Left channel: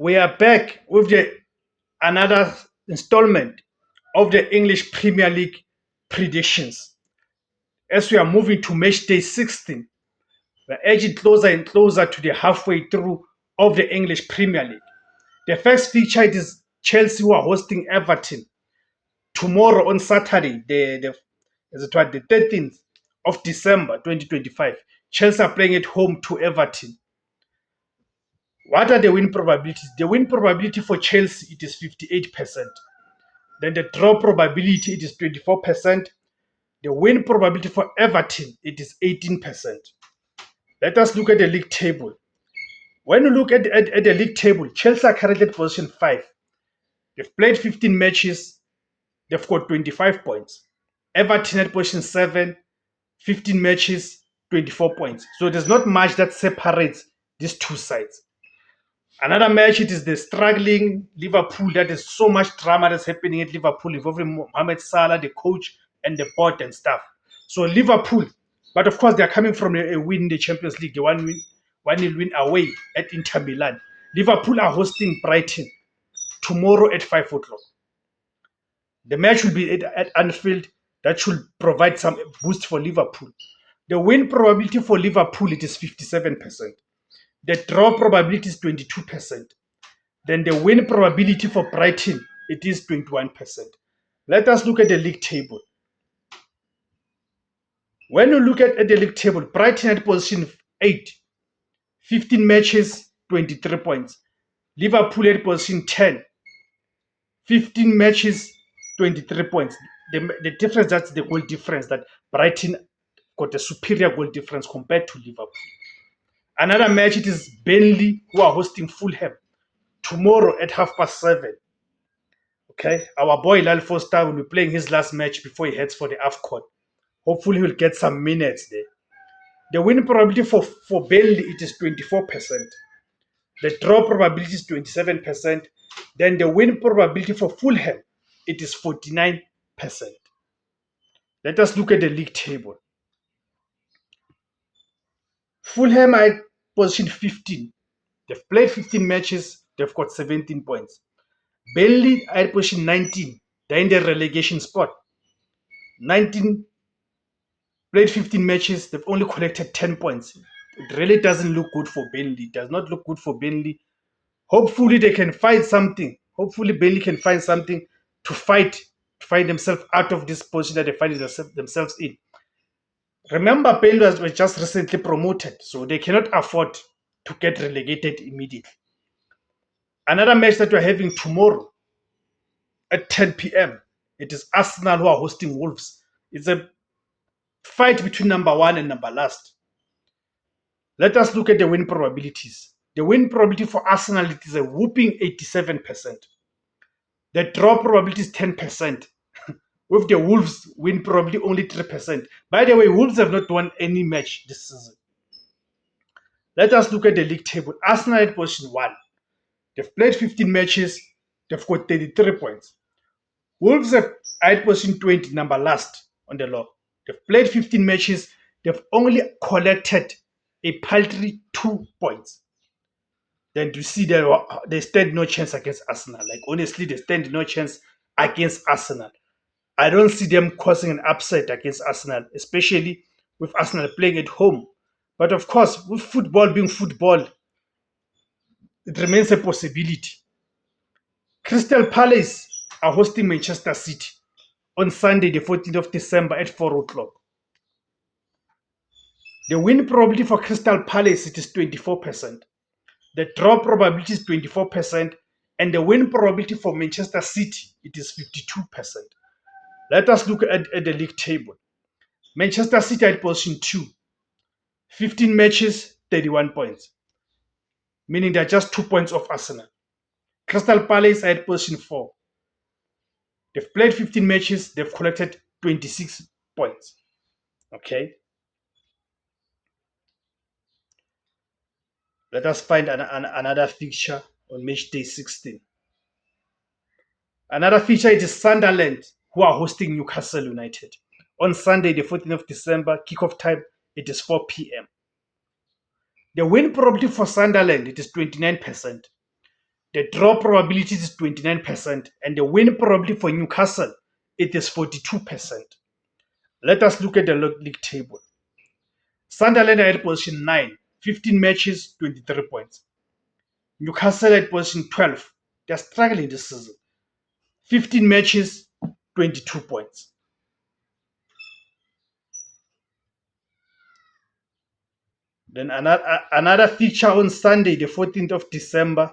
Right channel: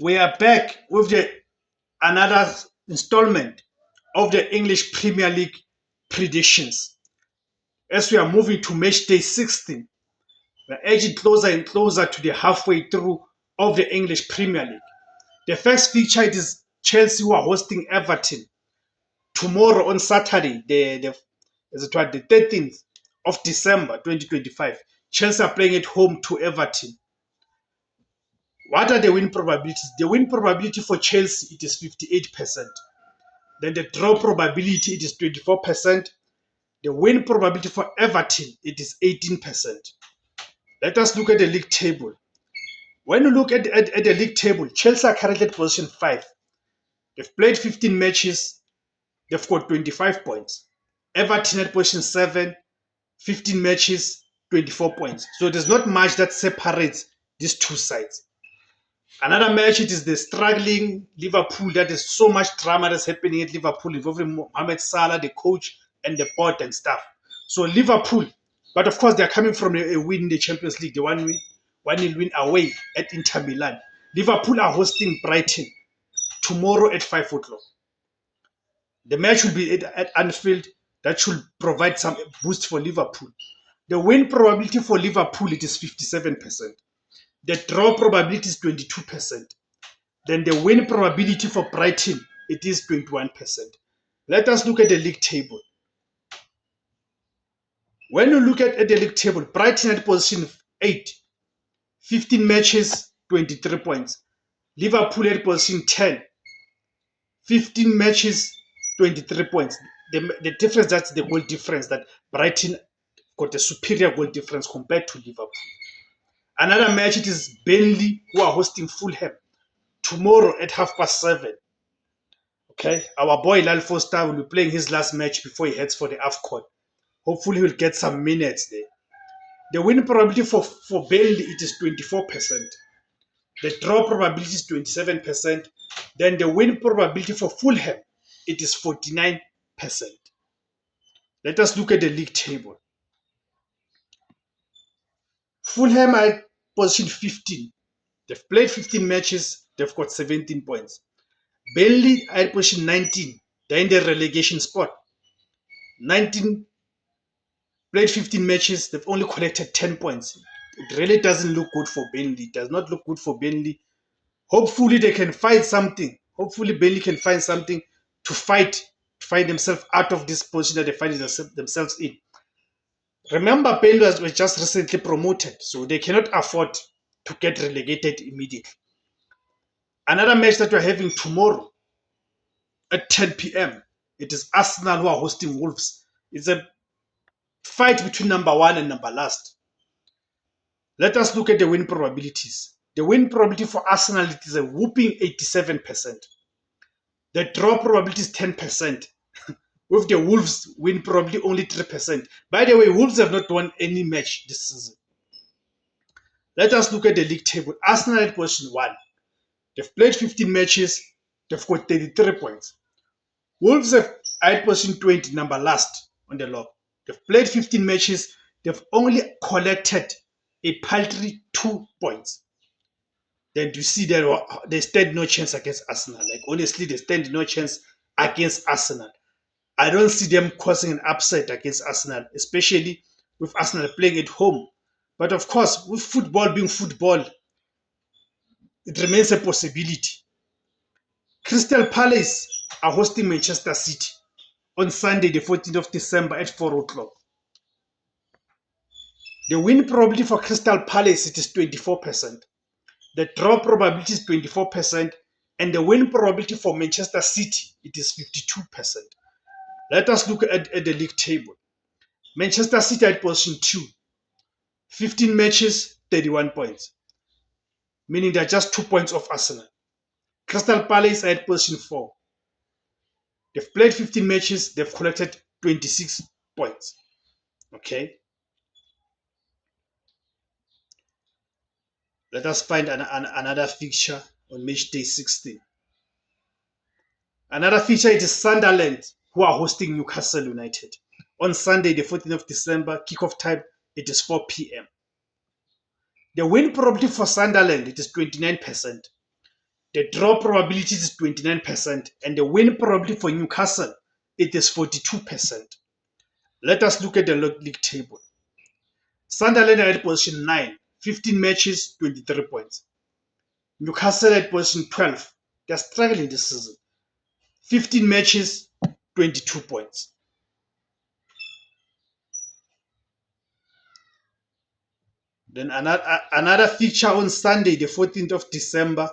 We are back with another installment of the English Premier League predictions. As we are moving to match day 16, we're edging closer and closer to the halfway through of the English Premier League. The first feature is Chelsea, who are hosting Everton tomorrow on Saturday, the 13th of December 2025. Chelsea are playing at home to Everton. What are the win probabilities? The win probability for Chelsea, it is 58%. Then the draw probability, it is 24%. The win probability for Everton, it is 18%. Let us look at the league table. When you look at the league table, Chelsea are currently at position 5. They've played 15 matches. They've got 25 points. Everton at position 7, 15 matches, 24 points. So there's not much that separates these two sides. Another match, it is the struggling Liverpool. That is so much drama that's happening at Liverpool involving Mohamed Salah, the coach, and the board and stuff. So Liverpool, but of course they're coming from a win in the Champions League, the 1-0 win away at Inter Milan. Liverpool are hosting Brighton tomorrow at 5 o'clock. The match will be at Anfield. That should provide some boost for Liverpool. The win probability for Liverpool, it is 57%. The draw probability is 22%. Then the win probability for Brighton, it is 21%. Let us look at the league table. When you look at the league table, Brighton at position 8, 15 matches, 23 points. Liverpool at position 10, 15 matches, 23 points. The difference, that's the goal difference, that Brighton got a superior goal difference compared to Liverpool. Another match, it is Burnley, who are hosting Fulham tomorrow at 7:30. Okay, our boy Lal Foster will be playing his last match before he heads for the AFCON. Hopefully, he'll get some minutes there. The win probability for Burnley, it is 24%. The draw probability is 27%. Then the win probability for Fulham, it is 49%. Let us look at the league table. Fulham are at position 15. They've played 15 matches. They've got 17 points. Burnley are at position 19. They're in the relegation spot. 19 played 15 matches. They've only collected 10 points. It really doesn't look good for Burnley. It does not look good for Burnley. Hopefully they can find something. Hopefully Burnley can find something to find themselves out of this position that they find themselves in. Remember, Burnley was just recently promoted, so they cannot afford to get relegated immediately. Another match that we're having tomorrow at 10 p.m. It is Arsenal who are hosting Wolves. It's a fight between number 1 and number last. Let us look at the win probabilities. The win probability for Arsenal, it is a whooping 87%. The draw probability is 10%. With the Wolves win probably only 3%. By the way, Wolves have not won any match this season. Let us look at the league table. Arsenal at position 1. They've played 15 matches. They've got 33 points. Wolves are at position 20, number last on the log. They've played 15 matches. They've only collected a paltry 2 points. Then you see that they stand no chance against Arsenal. Like, honestly, they stand no chance against Arsenal. I don't see them causing an upset against Arsenal, especially with Arsenal playing at home. But of course, with football being football, it remains a possibility. Crystal Palace are hosting Manchester City on Sunday, the 14th of December at 4 o'clock. The win probability for Crystal Palace, it is 24%. The draw probability is 24%. And the win probability for Manchester City, it is 52%. Let us look at the league table. Manchester City at position 2. 15 matches, 31 points. Meaning they're just 2 points off Arsenal. Crystal Palace at position 4. They've played 15 matches. They've collected 26 points. Okay. Let us find another fixture on match day 16. Another feature is Sunderland, who are hosting Newcastle United. On Sunday, the 14th of December, kickoff time, it is 4 p.m. The win probability for Sunderland, it is 29%. The draw probability is 29%, and the win probability for Newcastle, it is 42%. Let us look at the league table. Sunderland are at position 9, 15 matches, 23 points. Newcastle at position 12. They're struggling this season. 15 matches, 22 points. Then another fixture on Sunday, the 14th of December.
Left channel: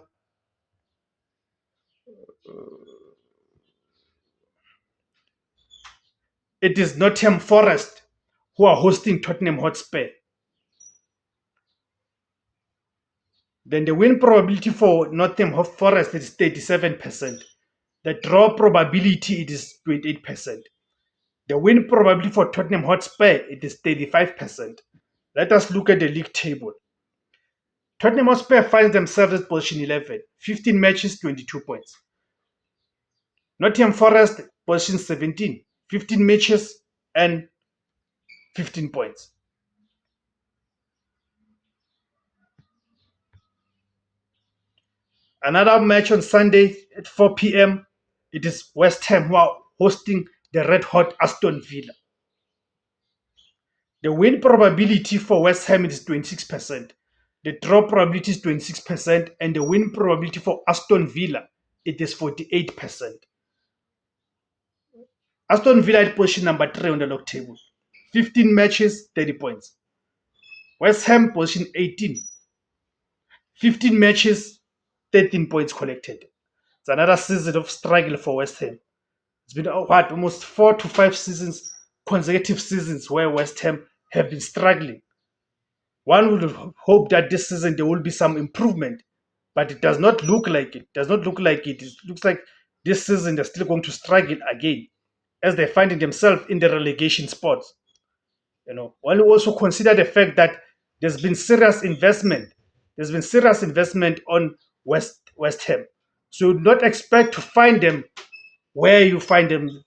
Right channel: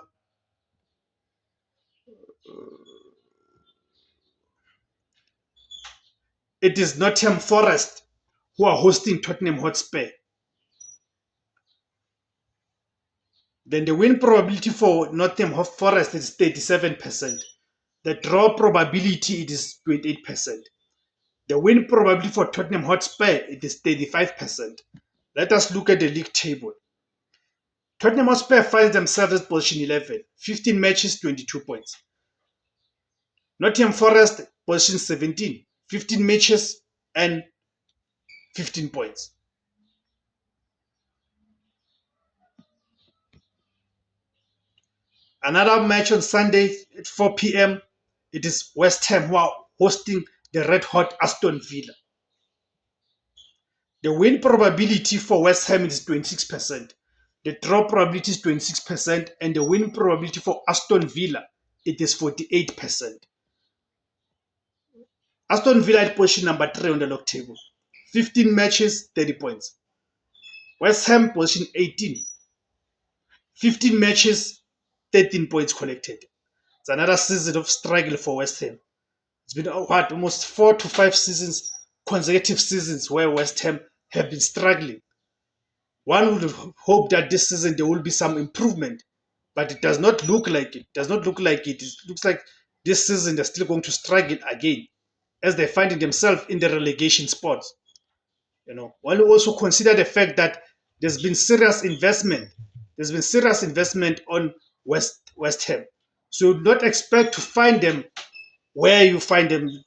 It is Nottingham Forest who are hosting Tottenham Hotspur. Then the win probability for Nottingham Forest is 37%. The draw probability it is 28%. The win probability for Tottenham Hotspur it is 35%. Let us look at the league table. Tottenham Hotspur finds themselves at position 11, 15 matches, 22 points. Nottingham Forest position 17, 15 matches and 15 points. Another match on Sunday at 4 p.m. It is West Ham who are hosting the red-hot Aston Villa. The win probability for West Ham is 26%. The draw probability is 26%, and the win probability for Aston Villa it is 48%. Aston Villa at position number 3 on the log table. 15 matches, 30 points. West Ham position 18. 15 matches, 13 points collected. It's another season of struggle for West Ham. It's been almost 4 to 5 seasons, consecutive seasons where West Ham have been struggling. One would hope that this season there will be some improvement, but it does not look like it. It looks like this season they're still going to struggle again, as they're finding themselves in the relegation spots. One will also consider the fact that there's been serious investment. There's been serious investment on West Ham, so you would not expect to find them where you find them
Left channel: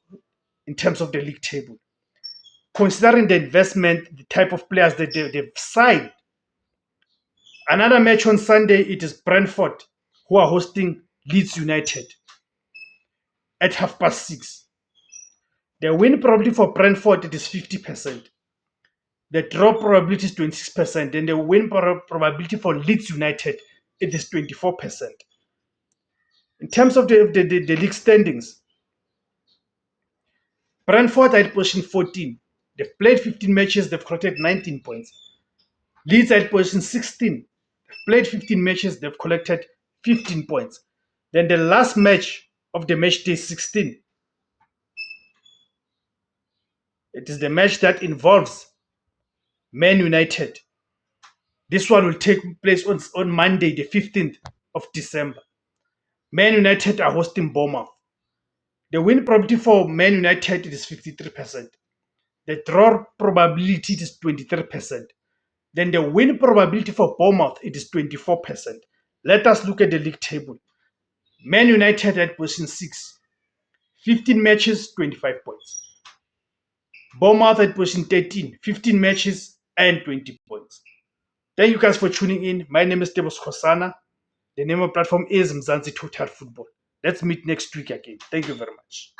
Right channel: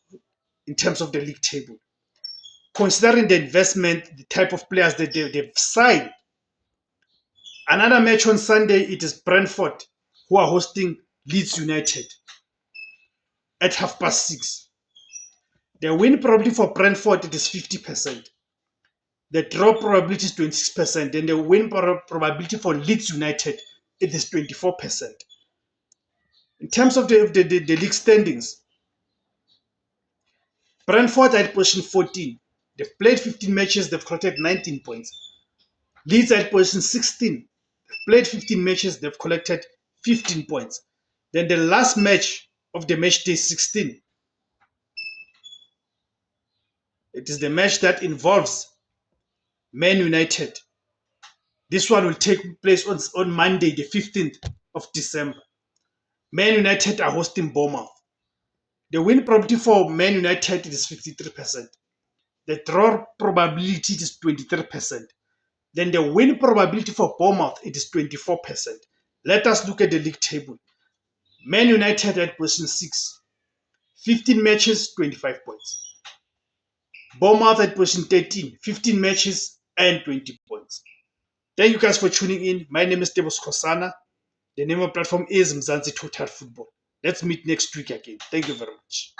in terms of the league table. Considering the investment, the type of players that they've signed. Another match on Sunday, it is Brentford who are hosting Leeds United at 6:30. The win probability for Brentford it is 50%. The draw probability is 26%, and the win probability for Leeds United it is 24%. In terms of the league standings, Brentford are at position 14. They've played 15 matches, they've collected 19 points. Leeds are at position 16. They've played 15 matches, they've collected 15 points. Then the last match of the match day 16, it is the match that involves Man United. This one will take place on Monday, the 15th of December. Man United are hosting Bournemouth. The win probability for Man United is 53%. The draw probability is 23%. Then the win probability for Bournemouth it is 24%. Let us look at the league table. Man United at position 6. 15 matches, 25 points. Bournemouth at position 13. 15 matches and 20 points. Thank you guys for tuning in. My name is Tebos Kosana. The name of the platform is Mzansi Total Football. Let's meet next week again. Thank you very much.